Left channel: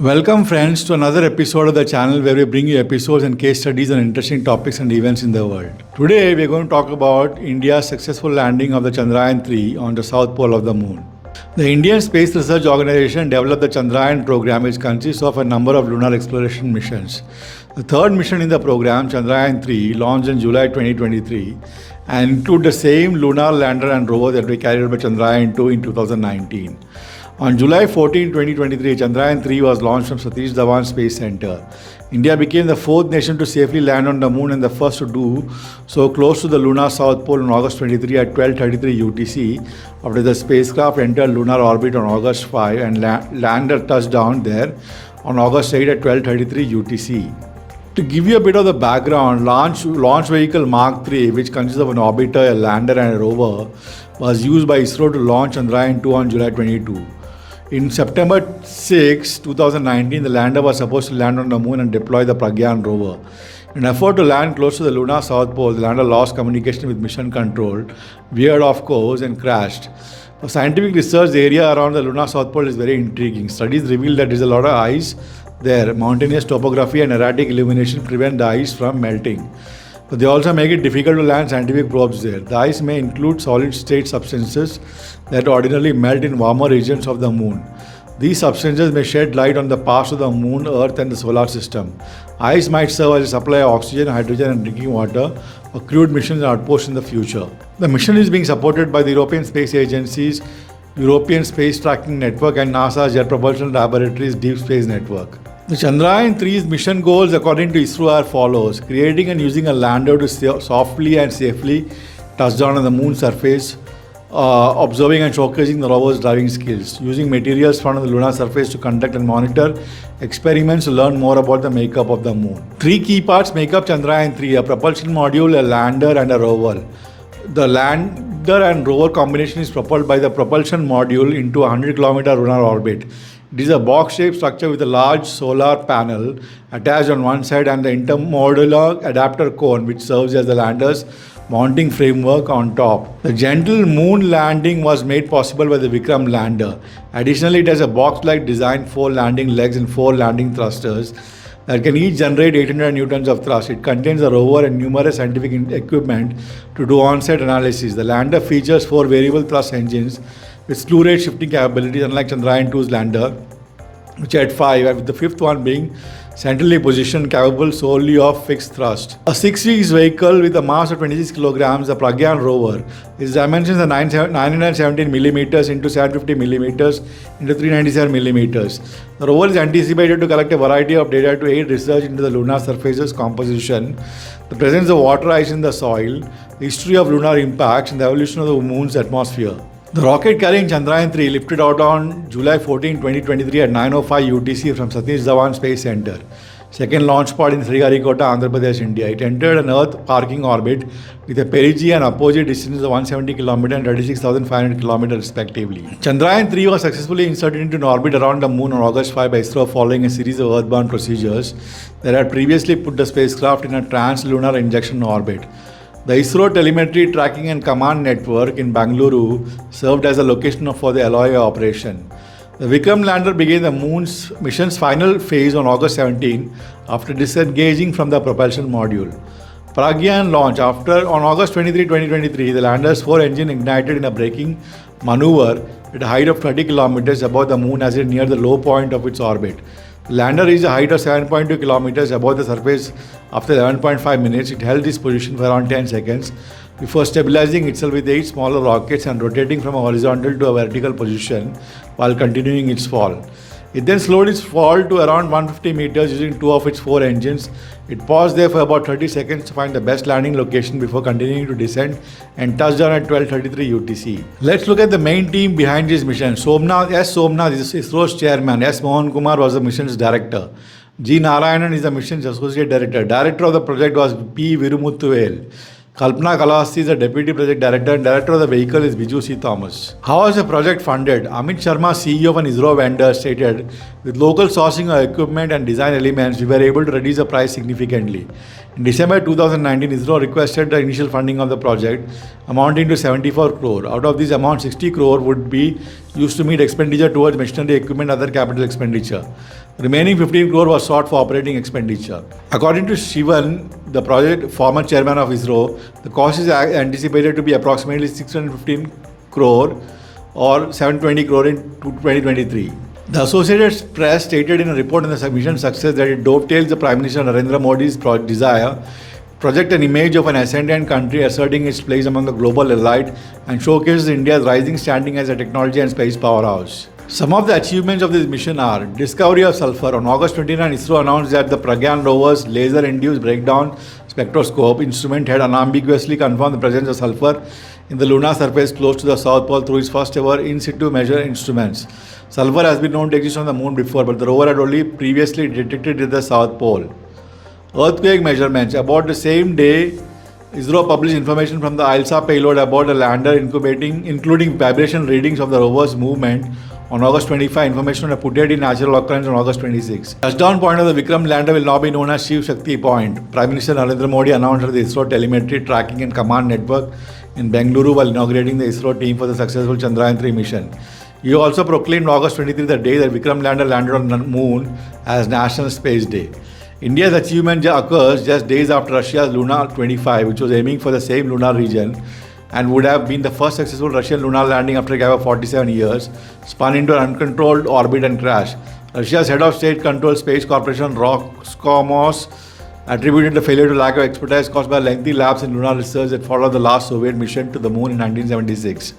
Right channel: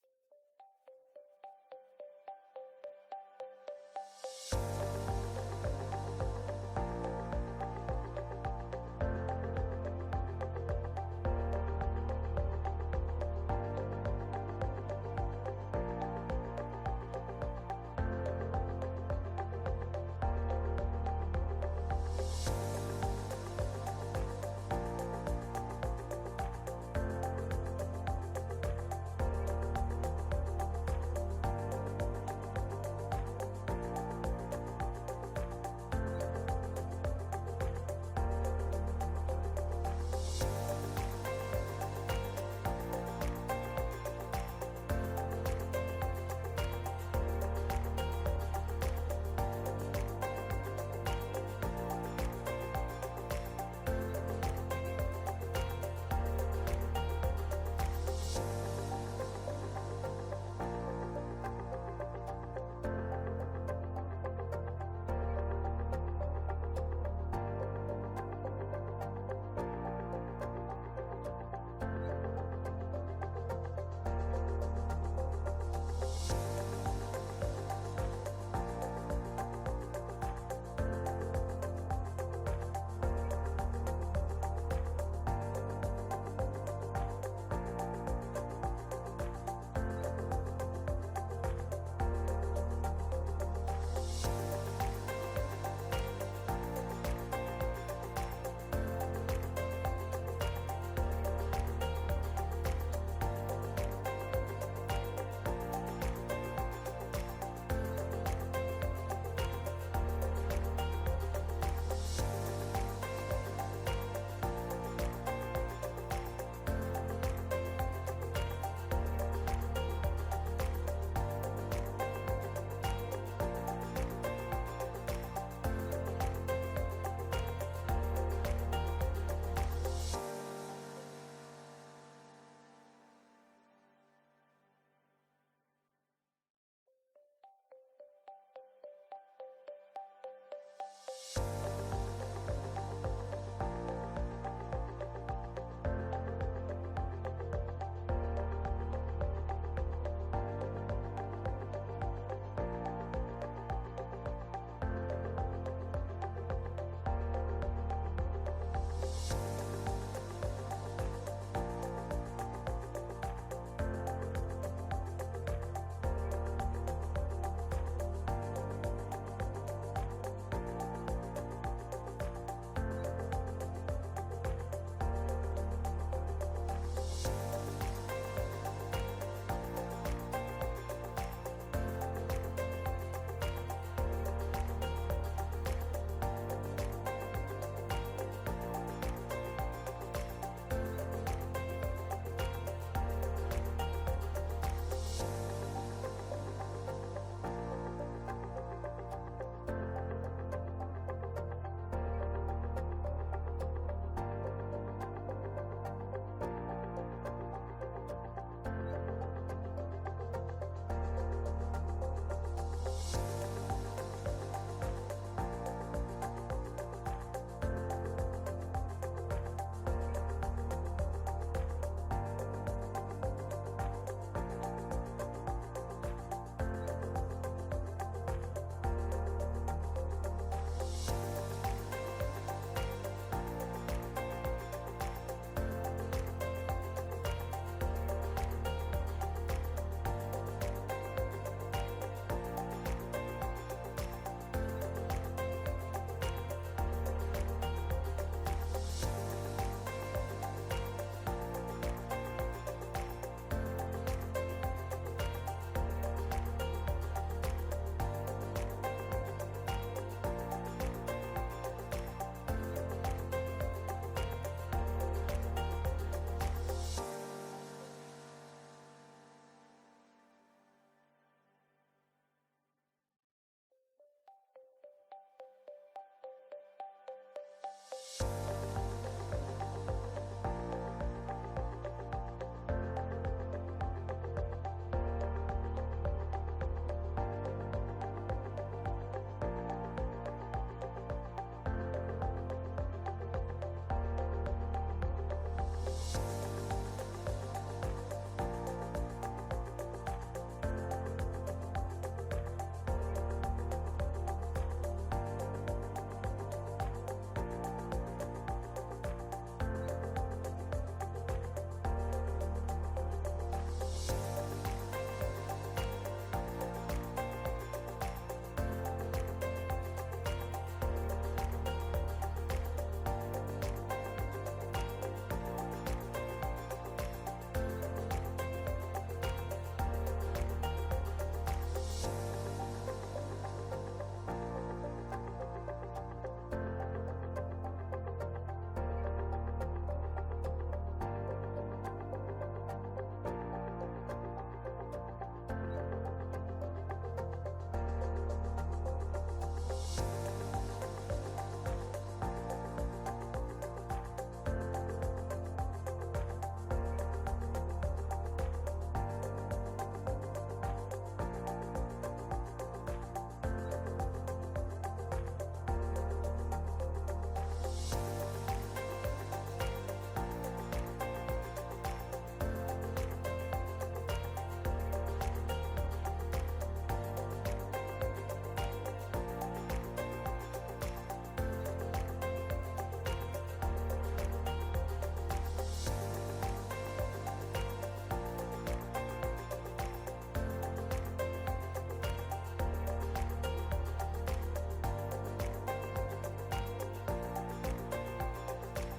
Welcome, friends, to another episode of the channel where we bring you episodes and case studies on interesting topics and events in the world. Today, we are going to talk about India's successful landing of the Chandrayan 3 on the south pole of the moon. The Indian Space Research Organization developed the Chandrayan program, which consists of a number of lunar exploration missions. The third mission in the program, Chandrayan 3, launched in July 2023 and include the same lunar lander and rover that we carried out by Chandrayan 2 in 2019. On July 14, 2023, Chandrayan 3 was launched from Satish Dhawan Space Center. India became the fourth nation to safely land on the moon and the first to do so close to the lunar south pole on August 23 at 12:33 UTC after the spacecraft entered lunar orbit on August 5 and lander touched down there on August 8 at 12:33 UTC. To give you a bit of the background, launch vehicle Mark 3, which consists of an orbiter, a lander and a rover, was used by ISRO to launch Chandrayan 2 on July 22. In September 6, 2019, the lander was supposed to land on the moon and deploy the Pragyan rover. In an effort to land close to the lunar south pole, the lander lost communication with mission control, veered off course and crashed. The scientific research area around the lunar south pole is very intriguing. Studies reveal that there is a lot of ice there. Mountainous topography and erratic illumination prevent the ice from melting. But they also make it difficult to land scientific probes there. The ice may include solid-state substances that ordinarily melt in warmer regions of the moon. These substances may shed light on the past of the moon, Earth and the solar system. Ice might serve as a supply of oxygen, hydrogen and drinking water for crewed missions and outposts in the future. The mission is being supported by the European Space Agency's European Space Tracking Network and NASA's Jet Propulsion Laboratory's Deep Space Network. The Chandrayan 3's mission goals, according to ISRO, are follows: creating and using a lander to softly and safely touch down on the moon's surface, observing and showcasing the rover's driving skills, using materials found on the lunar surface to conduct and monitor experiments to learn more about the makeup of the moon. Three key parts make up Chandrayan 3: a propulsion module, a lander, and a rover. The lander and rover combination is propelled by the propulsion module into a 100-kilometer lunar orbit. It is a box-shaped structure with a large solar panel attached on one side and the intermodular adapter cone, which serves as the lander's mounting framework on top. The gentle moon landing was made possible by the Vikram lander. Additionally, it has a box-like design, 4 landing legs and 4 landing thrusters that can each generate 800 newtons of thrust. It contains a rover and numerous scientific equipment to do on-site analysis. The lander features 4 variable thrust engines with slew rate shifting capabilities, unlike Chandrayan 2's lander, which had 5, with the 5th one being centrally positioned, capable solely of fixed thrust. A 6-seat vehicle with a mass of 26 kilograms, the Pragyan rover, its dimensions are 917 millimeters into 750 millimeters into 397 millimeters. The rover is anticipated to collect a variety of data to aid research into the lunar surface's composition, the presence of water ice in the soil, the history of lunar impacts, and the evolution of the moon's atmosphere. The rocket carrying Chandrayan 3 lifted out on July 14, 2023 at 9:05 UTC from Satish Dhawan Space Center, second launch pad in Sriharikota, Andhra Pradesh, India. It entered an Earth parking orbit with a perigee and apogee distance of 170 km and 36,500 km respectively. Chandrayan 3 was successfully inserted into an orbit around the moon on August 5 by ISRO following a series of earthbound procedures that had previously put the spacecraft in a trans-lunar injection orbit. The ISRO Telemetry Tracking and Command Network in Bangalore served as a location for the LOA operation. The Vikram lander began the moon's mission's final phase on August 17 after disengaging from the propulsion module. Pragyan launch. On August 23, 2023, the lander's 4 engine ignited in a braking maneuver at a height of 30 kilometers above the moon as it neared the low point of its orbit. The lander reached a height of 7.2 kilometers above the surface after 11.5 minutes. It held this position for around 10 seconds before stabilizing itself with 8 smaller rockets and rotating from a horizontal to a vertical position while continuing its fall. It then slowed its fall to around 150 meters using 2 of its 4 engines. It paused there for about 30 seconds to find the best landing location before continuing to descend and touched down at 12:33 UTC. Let's look at the main team behind this mission. Somnath is ISRO's chairman. S. Mohan Kumar was the mission's director. G. Narayanan is the mission's associate director. Director of the project was P. Virumuthuvel. Kalpana Kalahasti is the Deputy Project Director and Director of the vehicle is Biju C. Thomas. How was the project funded? Amit Sharma, CEO of an ISRO vendor, stated, with local sourcing of equipment and design elements, we were able to reduce the price significantly. In December 2019, ISRO requested the initial funding of the project, amounting to 74 crore. Out of this amount, 60 crore would be used to meet expenditure towards machinery, equipment, and other capital expenditure. Remaining 15 crore was sought for operating expenditure. According to Shivan, the project former chairman of ISRO, the cost is anticipated to be approximately 615 crore or 720 crore in 2023. The Associated Press stated in a report on the mission success that it dovetails the Prime Minister Narendra Modi's desire to project an image of an ascendant country asserting its place among the global elite and showcases India's rising standing as a technology and space powerhouse. Some of the achievements of this mission are discovery of sulfur. On August 29, ISRO announced that the Pragyan rover's laser-induced breakdown spectroscope instrument had unambiguously confirmed the presence of sulfur in the lunar surface close to the South Pole through its first ever in-situ measure instruments. Sulfur has been known to exist on the moon before, but the rover had only previously detected it at the South Pole. Earthquake measurements. About the same day, ISRO published information from the ISRO payload about the lander including vibration readings of the rover's movement. On August 25, information on a Puteti natural occurrence on August 26. Touchdown point of the Vikram lander will now be known as Shiv Shakti Point. Prime Minister Narendra Modi announced at the ISRO telemetry tracking and command network in Bengaluru while inaugurating the ISRO team for the successful Chandrayan 3 mission. He also proclaimed August 23 the day that Vikram lander landed on the moon as National Space Day. India's achievement occurs just days after Russia's Luna 25, which was aiming for the same lunar region and would have been the first successful Russian lunar landing after a gap of 47 years, spun into an uncontrolled orbit and crashed. Russia's head of state-controlled space corporation Roscosmos attributed the failure to lack of expertise caused by lengthy lapse in lunar research that followed the last Soviet mission to the moon in 1976.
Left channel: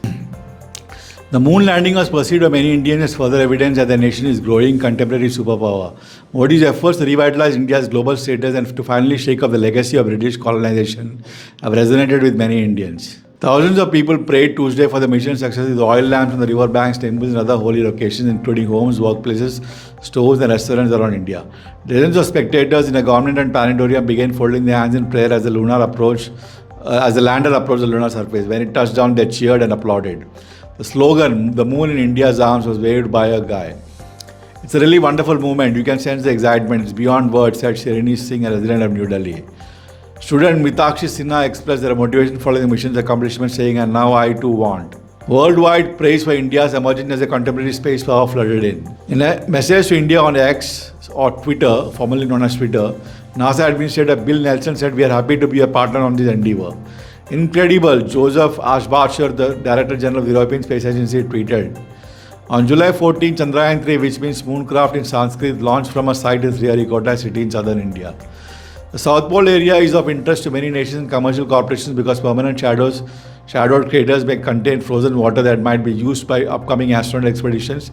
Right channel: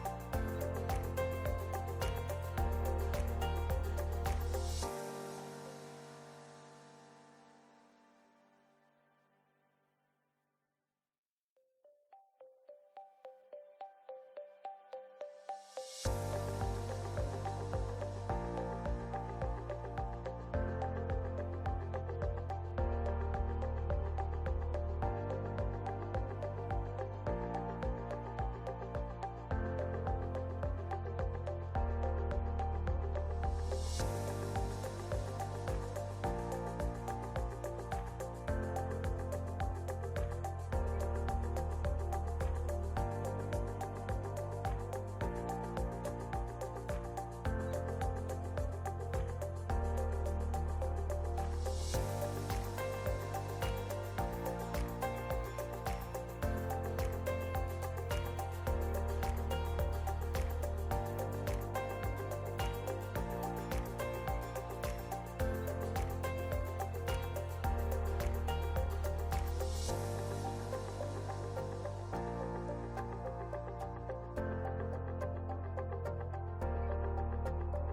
The moon landing was perceived by many Indians as further evidence that the nation is growing contemporary superpower. Modi's efforts to revitalize India's global status and to finally shake off the legacy of British colonization have resonated with many Indians. Thousands of people prayed Tuesday for the mission's success with oil lamps on the river banks, temples, and other holy locations, including homes, workplaces, stores, and restaurants around India. Dozens of spectators in a government and planetarium began folding their hands in prayer as the lander approached the lunar surface. When it touched down, they cheered and applauded. The slogan, "The moon in India's arms," was waved by a guy. "It's a really wonderful moment. You can sense the excitement. It's beyond words," said Shirini Singh, a resident of New Delhi. Student Mitakshi Sinha expressed their motivation following the mission's accomplishment, saying, "And now I too want." Worldwide praise for India's emergence as a contemporary space power flooded in. In a message to India on X or Twitter, formerly known as Twitter, NASA Administrator Bill Nelson said, "We are happy to be a partner on this endeavor." Incredible, Joseph Ashbacher, the Director General of the European Space Agency, tweeted. On July 14, Chandrayan 3, which means mooncraft in Sanskrit, launched from a site in Sriharikota city in southern India. The South Pole area is of interest to many nations and commercial corporations because permanent shadowed craters may contain frozen water that might be used by upcoming astronaut expeditions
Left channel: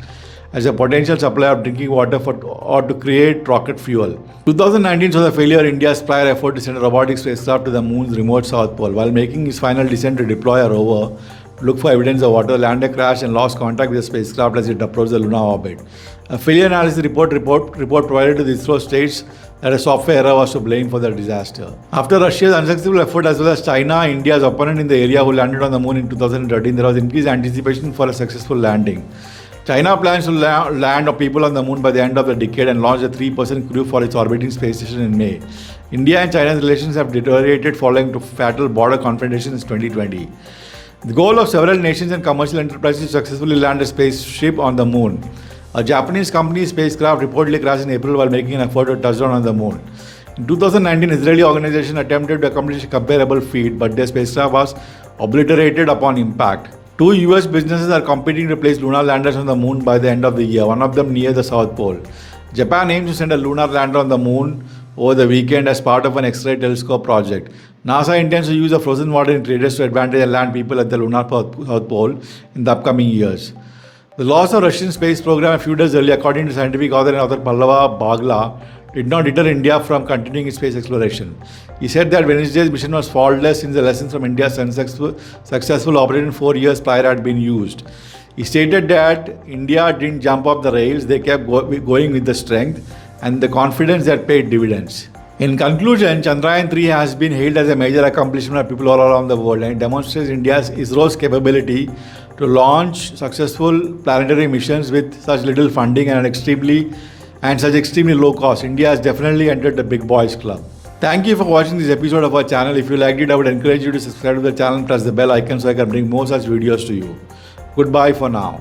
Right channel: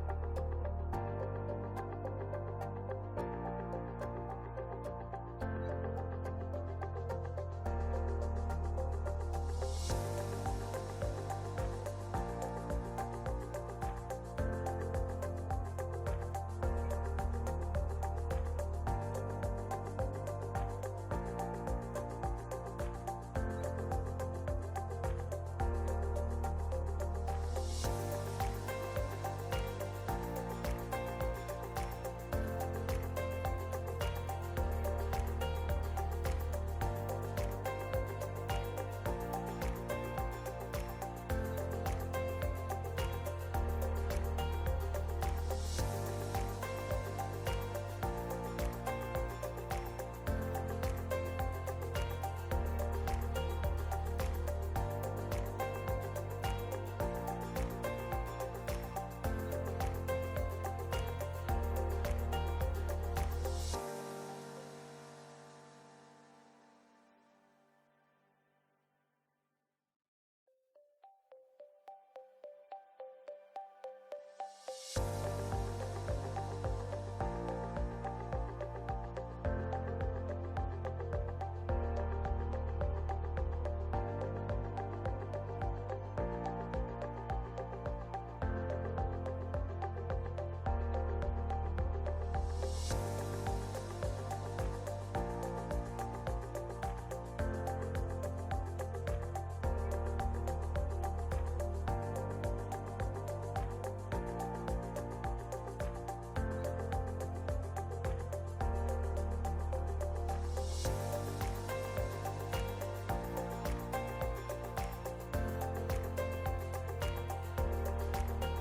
as a potential supply of drinking water or to create rocket fuel. 2019 saw the failure of India's prior effort to send a robotic spacecraft to the moon's remote South Pole. While making its final descent to deploy a rover to look for evidence of water, the lander crashed and lost contact with the spacecraft as it approached the lunar orbit. A failure analysis report provided to the ISRO states that a software error was to blame for the disaster. After Russia's unsuccessful effort as well as China, India's opponent in the area who landed on the moon in 2013, there was increased anticipation for a successful landing. China plans to land people on the moon by the end of the decade and launch a 3-person crew for its orbiting space station in May. India and China's relations have deteriorated following fatal border confrontations in 2020. The goal of several nations and commercial enterprises is to successfully land a spaceship on the moon. A Japanese company's spacecraft reportedly crashed in April while making an effort to touch down on the moon. In 2019, Israeli organization attempted to accomplish a comparable feat, but their spacecraft was obliterated upon impact. Two US businesses are competing to place lunar landers on the moon by the end of the year, one of them near the South Pole. Japan aims to send a lunar lander on the moon over the weekend as part of an X-ray telescope project. NASA intends to use the frozen water in craters to advantage and land people at the lunar South Pole in the upcoming years. The loss of Russian space program a few days earlier, according to scientific author and author Pallava Bagla, did not deter India from continuing its space exploration. He said that Wednesday's mission was faultless since the lessons from India's successful operation 4 years prior had been used. He stated that India didn't jump off the rails, they kept going with the strength and the confidence that paid dividends. In conclusion, Chandrayan 3 has been hailed as a major accomplishment of people all around the world and it demonstrates ISRO's capability to launch successful planetary missions with such little funding and such extremely low cost. India has definitely entered the big boys club. Thank you for watching this episode of our channel. If you liked it, I would encourage you to subscribe to the channel and press the bell icon so I can bring more such videos to you. Goodbye for now.